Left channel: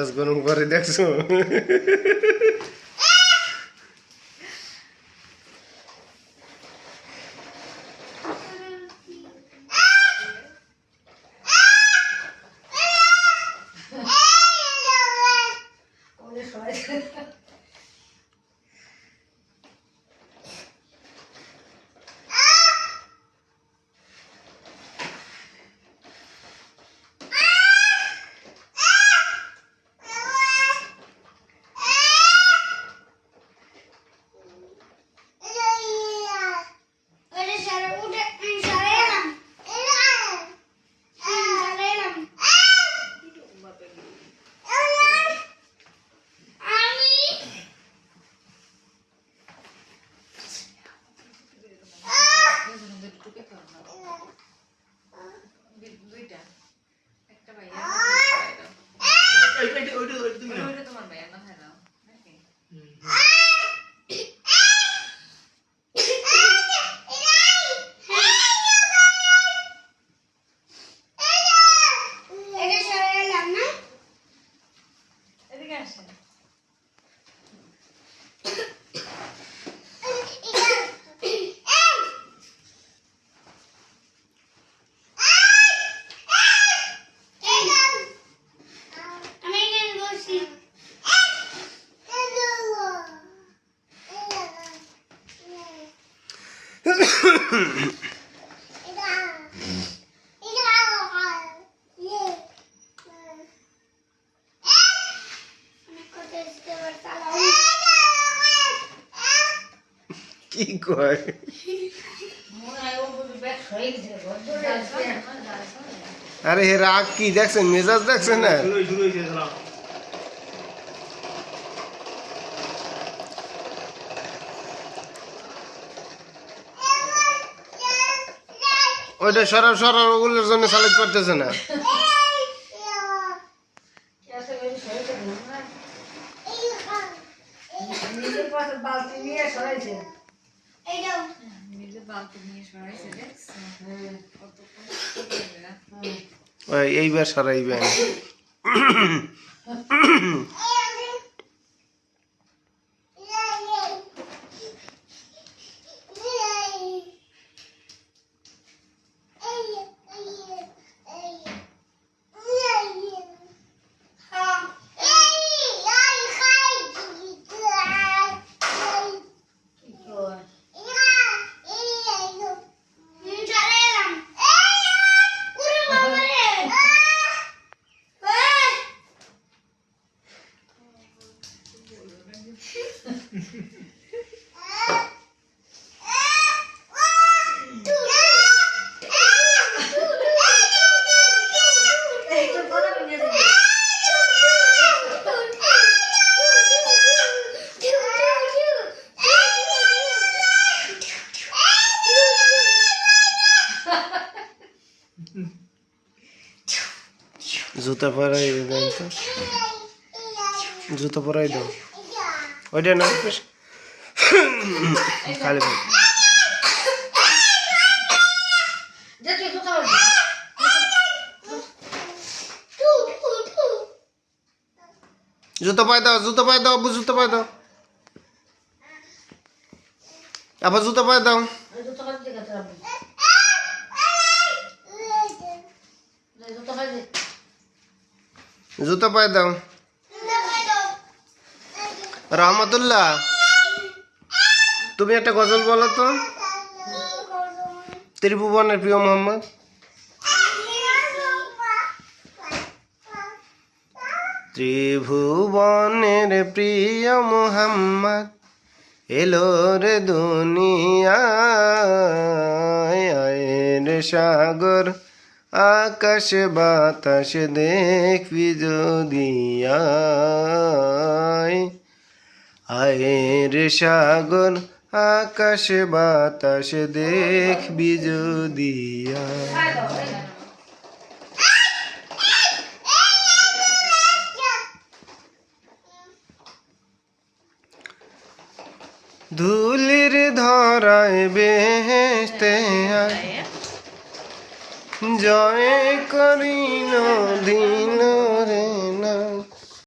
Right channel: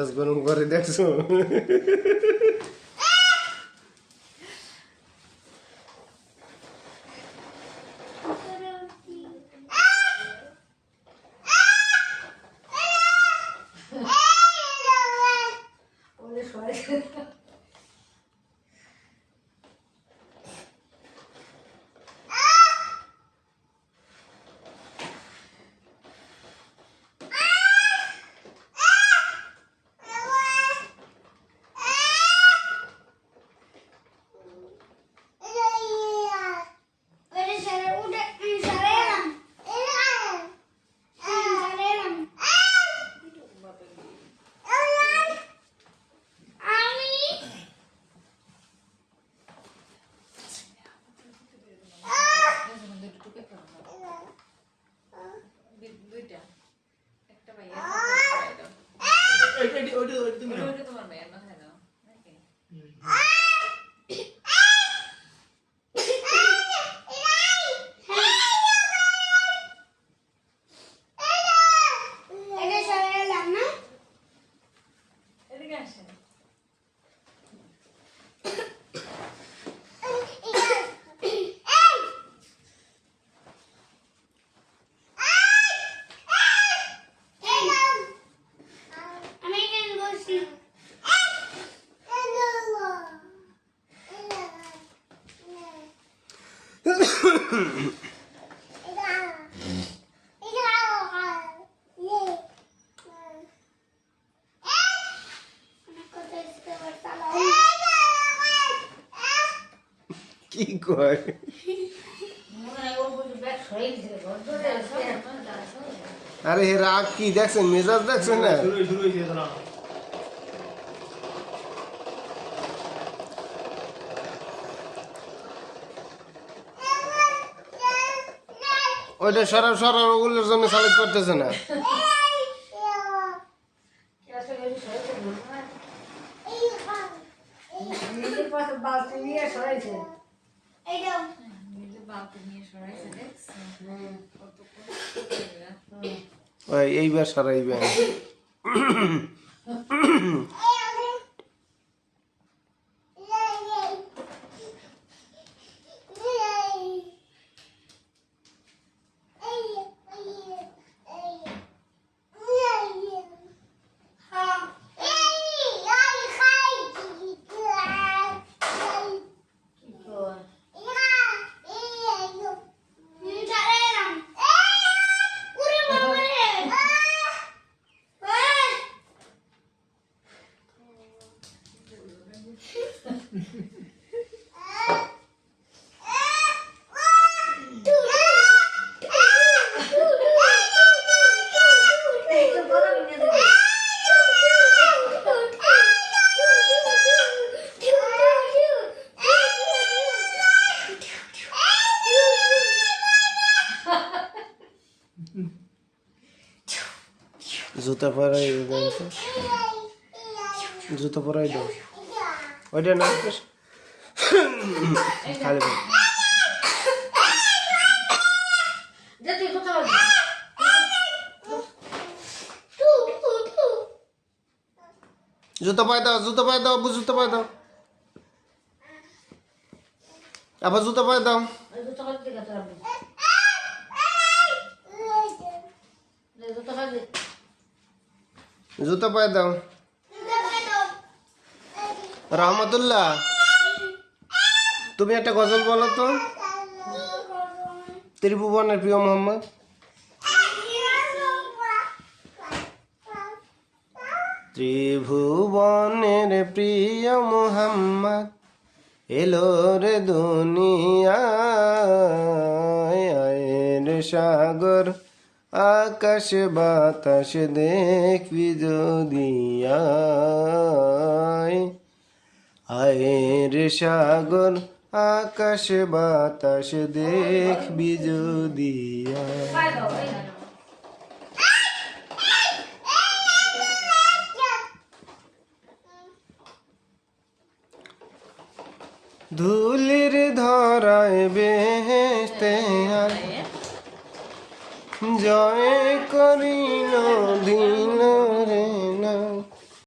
মেজাজ গরম করে দেখছো? কি কয়? আরে হে রাগ কি দেখছেন, মেজাজ দেখছেন না? ওইটা সরাব সরাব ওগুলোর জন্য চালাতে পারতেছে না। এইবার সরাইবেন। জুতা পরাই দেন তো, জুতা পরাই দাও। ওইটা না খালি জুতো পায়ে দাও, জুতো পায়ে দাও, জুতো পায়ে দাও, আবার জুতো পায়ে দাও। জুতো পায়ে দাও। রহমতুল্লাহ, তুমি একটা গজল বলো তো। ত্রিভুবনের প্রিয় মোহাম্মদ। ত্রিভুবনের প্রিয় মোহাম্মদ এলো রে দুনিয়ায়, আয়ের সাগর আকাশ বাতাস দেখবি যদি আয়ের সাগর আকাশ বাতাস দেখবি যদি ধুলির ধরায় বেহেশতে জয় করিল দিল রে